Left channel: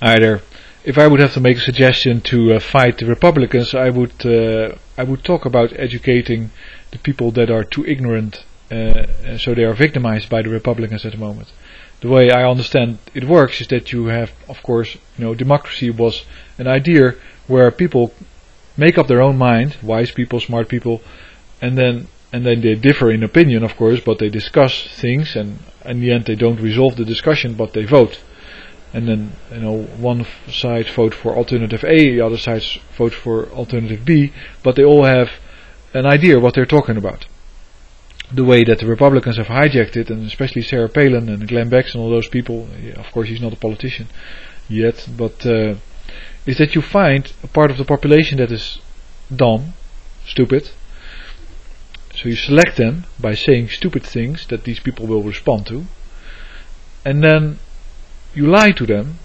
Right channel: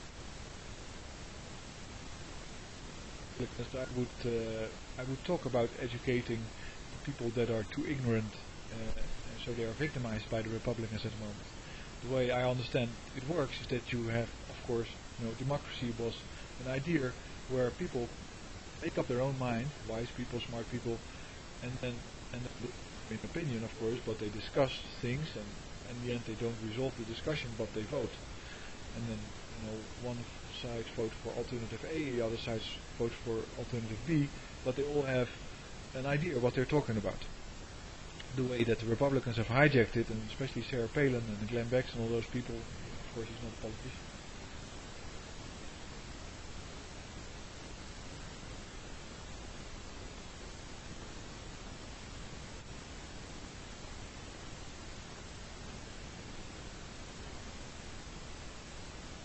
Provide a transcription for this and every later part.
either. If I would have to make a suggestion to fight the Republicans, I would talk about educating the people that are too ignorant, so they are victimized by the Republicans at the moment. The way I understand it works is that you have, of course, democracy was an idea where people make up their own mind, wise people, smart people, and then they differ in opinion, of course, but they discuss things, and in the end they don't resolve the discussion, but they vote. And then one side vote for alternative A, the other side vote for alternative B, but they all have an idea what they're talking about. The way that the Republicans have hijacked it, and especially Sarah Palin and Glenn Beck and all those people, of course he's not a politician yet, but is that you find a part of the population that is dumb, stupid, so you select them by saying stupid things that these people will respond to, and then you lie to them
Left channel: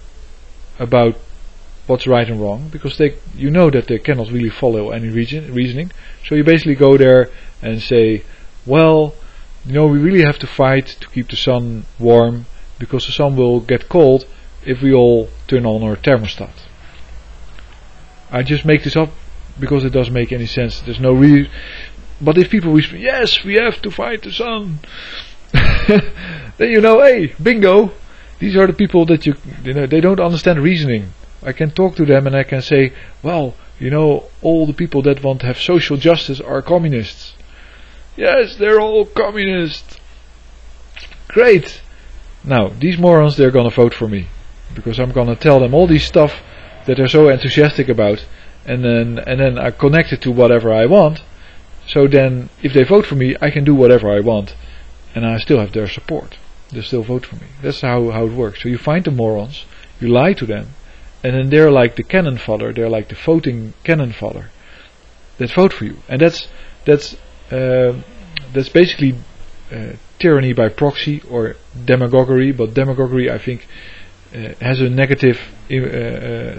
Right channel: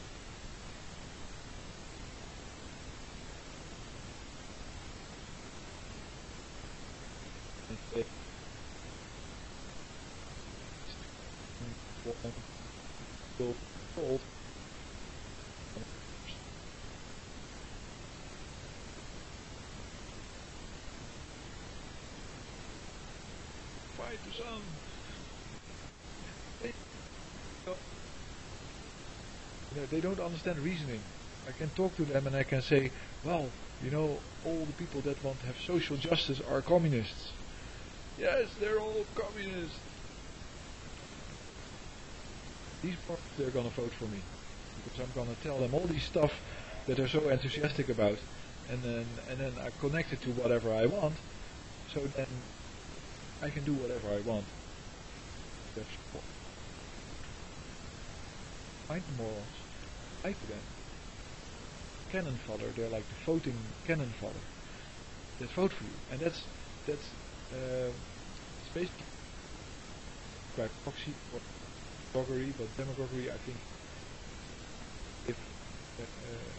about what's right and wrong, because you know that they cannot really follow any reasoning. So you basically go there and say, well, we really have to fight to keep the sun warm, because the sun will get cold if we all turn on our thermostat. I just make this up because it doesn't make any sense. There's no reason. But if people whisper, yes, we have to fight the sun, then hey, bingo. These are the people that they don't understand reasoning. I can talk to them and I can say, well, all the people that want to have social justice are communists. Yes, they're all communists. Great. Now, these morons, they're gonna vote for me, because I'm gonna tell them all these stuff that they're so enthusiastic about, and then I connect it to whatever I want. So then, if they vote for me, I can do whatever I want, and I still have their support. They still vote for me. That's how it works. So you find the morons, you lie to them, and then they're like the cannon fodder. They're like the voting cannon fodder that vote for you, and that's basically tyranny by proxy, or demagoguery. But demagoguery, I think, has a negative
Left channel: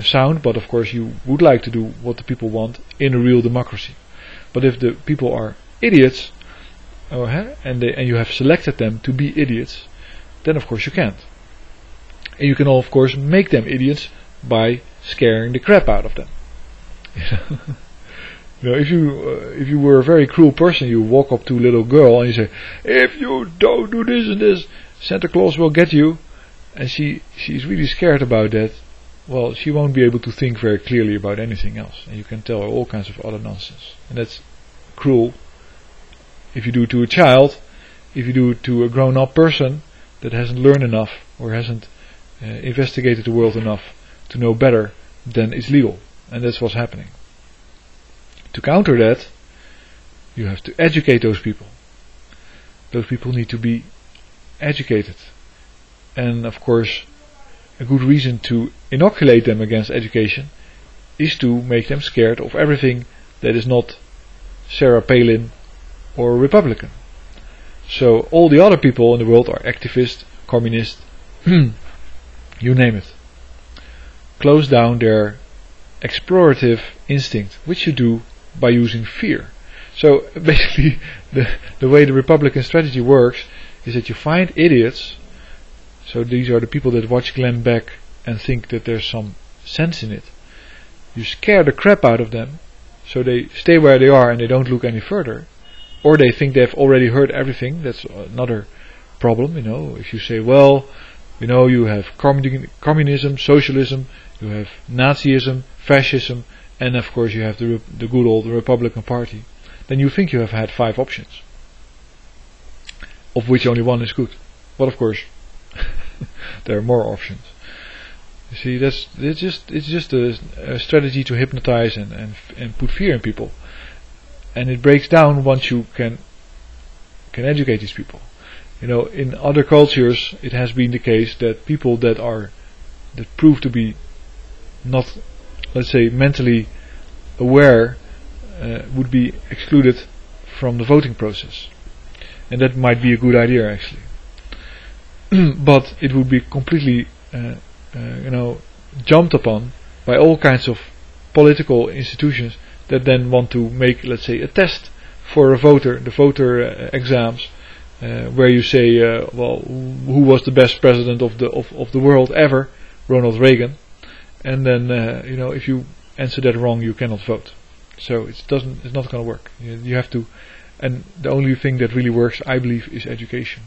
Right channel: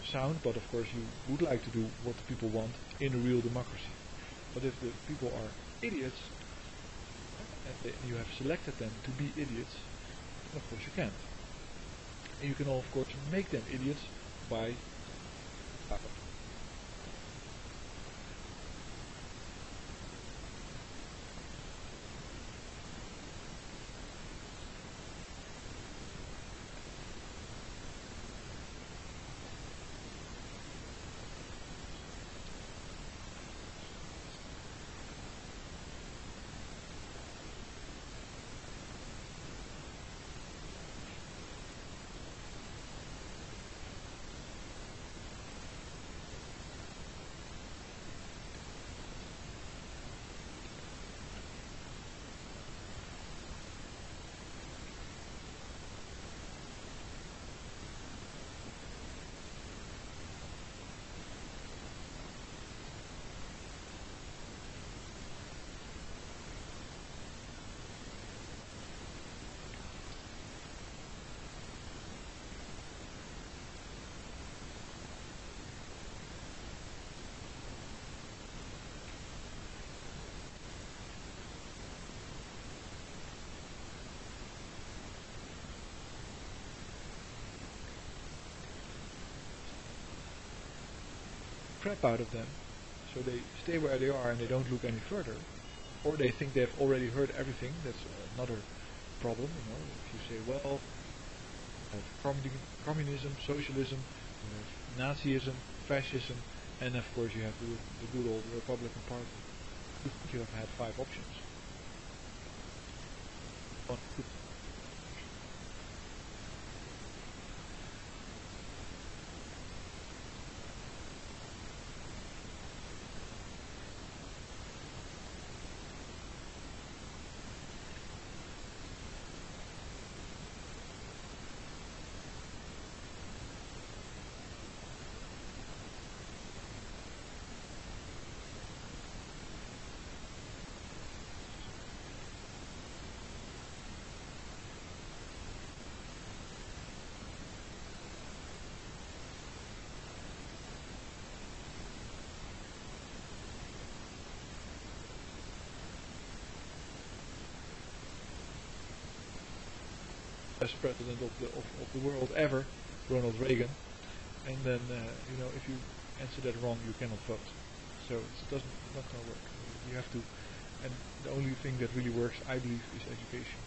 sound. But of course, you would like to do what the people want in a real democracy. But if the people are idiots, and you have selected them to be idiots, then of course you can't. And you can of course make them idiots by scaring the crap out of them. If you were a very cruel person, you walk up to a little girl and you say, if you don't do this and this, Santa Claus will get you. And she's really scared about that. Well, she won't be able to think very clearly about anything else, and you can tell her all kinds of other nonsense, and that's cruel. If you do it to a child, if you do it to a grown-up person that hasn't learned enough, or hasn't investigated the world enough to know better, then it's legal, and that's what's happening. To counter that, you have to educate those people. Those people need to be educated, and of course a good reason to inoculate them against education is to make them scared of everything that is not Sarah Palin or Republican. So all the other people in the world are activists, communists, you name it. Close down their explorative instinct, which you do by using fear. So basically the way the Republican strategy works is that you find idiots. So these are the people that watch Glenn Beck and think that there's some sense in it. You scare the crap out of them, so they stay where they are and they don't look any further. Or they think they've already heard everything. That's another problem, If you say, well, you have communism, socialism, you have Nazism, fascism, and of course you have the good old Republican Party, then you think you have had 5 options, of which only one is good. But of course, there are more options. You see, it's just a strategy to hypnotize and put fear in people, and it breaks down once you can educate these people. In other cultures, it has been the case that people that prove to be not, let's say, mentally aware, would be excluded from the voting process, and that might be a good idea actually. But it would be completely jumped upon by all kinds of political institutions that then want to make, let's say, a test for a voter, the voter exams, where you say, well, who was the best president of the world ever? Ronald Reagan. and then if you answer that wrong, you cannot vote. So it's not going to work. You have to, and the only thing that really works, I believe, is education.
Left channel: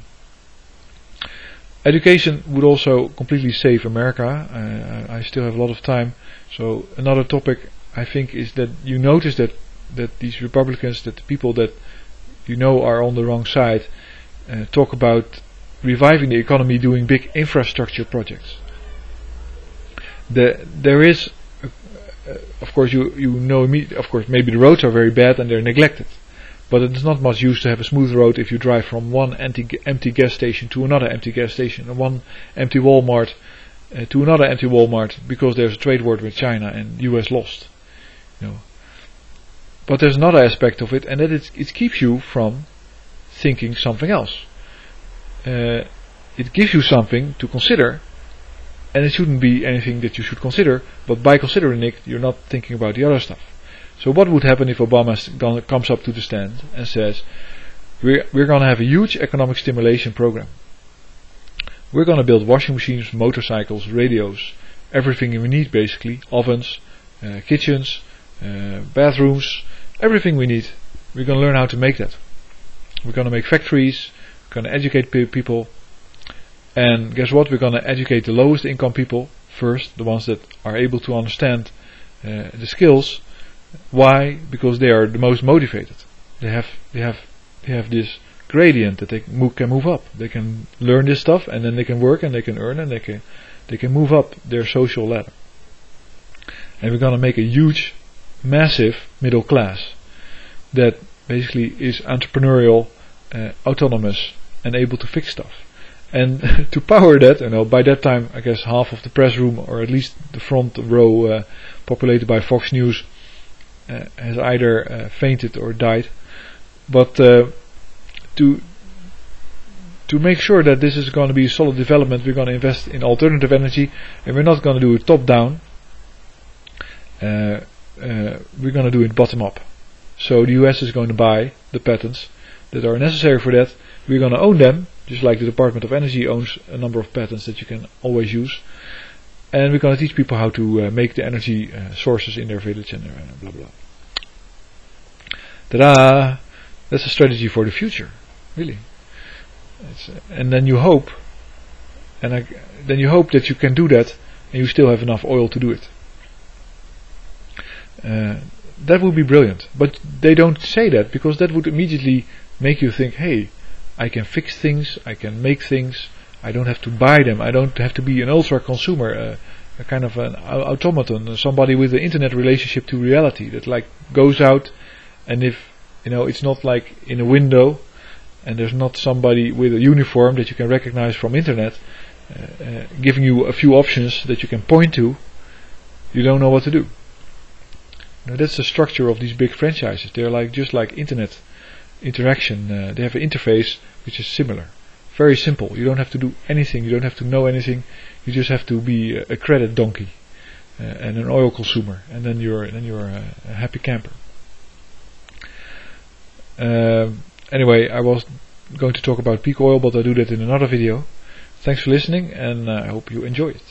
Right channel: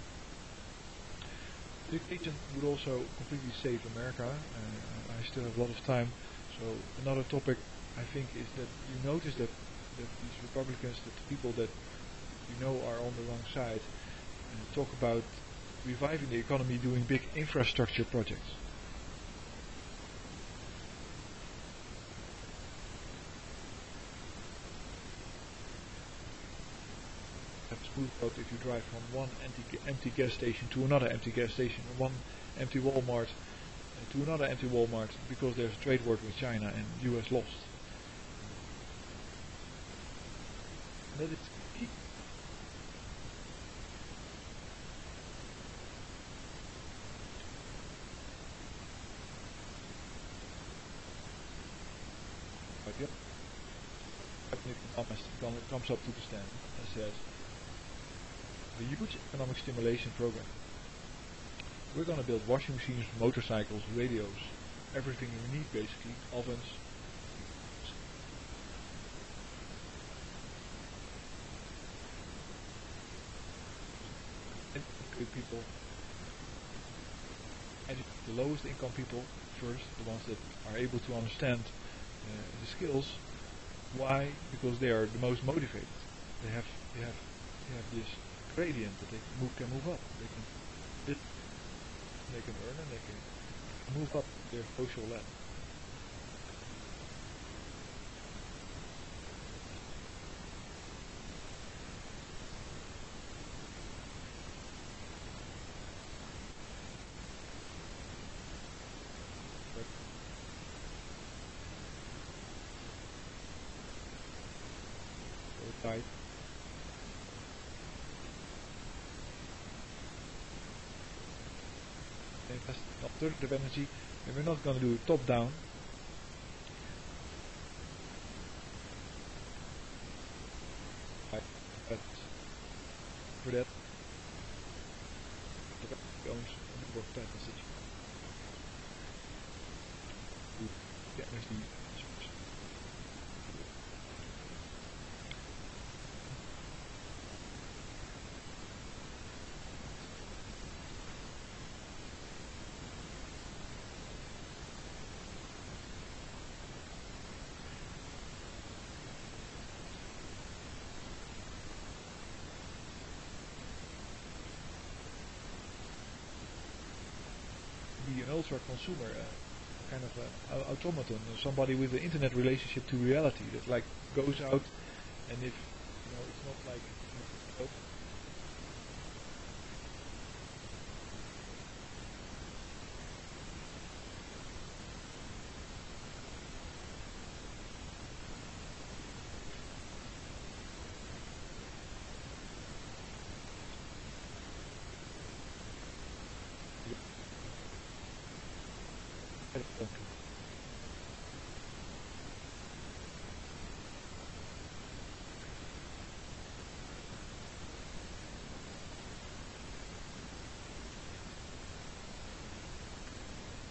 Education would also completely save America. I still have a lot of time. So another topic I think is that you notice that these Republicans, that the people that are on the wrong side, talk about reviving the economy, doing big infrastructure projects. There is, of course, of course, maybe the roads are very bad and they're neglected. But it is not much use to have a smooth road if you drive from one empty gas station to another empty gas station, and one empty Walmart to another empty Walmart, because there's a trade war with China and US lost. But there's another aspect of it, and that it keeps you from thinking something else. It gives you something to consider, and it shouldn't be anything that you should consider, but by considering it, you're not thinking about the other stuff. So what would happen if Obama comes up to the stand and says, we're going to have a huge economic stimulation program. We're going to build washing machines, motorcycles, radios, everything we need basically, ovens, kitchens, bathrooms, everything we need. We're going to learn how to make that. We're going to make factories, we're going to educate people, and guess what? We're going to educate the lowest income people first, the ones that are able to understand the skills. Why? Because they are the most motivated. They have this gradient that they can move up. They can learn this stuff, and then they can work, and they can earn, and they can move up their social ladder. And we're going to make a huge, massive middle class that basically is entrepreneurial, autonomous, and able to fix stuff. And to power that, by that time, I guess half of the press room, or at least the front row, populated by Fox News, has either fainted or died. But to make sure that this is going to be a solid development, we're going to invest in alternative energy, and we're not going to do it top down. We're going to do it bottom up. So the US is going to buy the patents that are necessary for that. We're going to own them, just like the Department of Energy owns a number of patents that you can always use. And we're going to teach people how to make the energy sources in their village and blah blah. Ta-da! That's a strategy for the future, really. And then you hope, that you can do that, and you still have enough oil to do it. That would be brilliant. But they don't say that, because that would immediately make you think, hey, I can fix things, I can make things. I don't have to buy them. I don't have to be an ultra consumer, a kind of an automaton, somebody with an internet relationship to reality that goes out, and if it's not like in a window, and there's not somebody with a uniform that you can recognize from internet, giving you a few options that you can point to, you don't know what to do. That's the structure of these big franchises. They're just like internet interaction. They have an interface which is similar. Very simple. You don't have to do anything. You don't have to know anything. You just have to be a credit donkey and an oil consumer, and then you're a happy camper. Anyway, I was going to talk about peak oil, but I'll do that in another video. Thanks for listening, and I hope you enjoy it.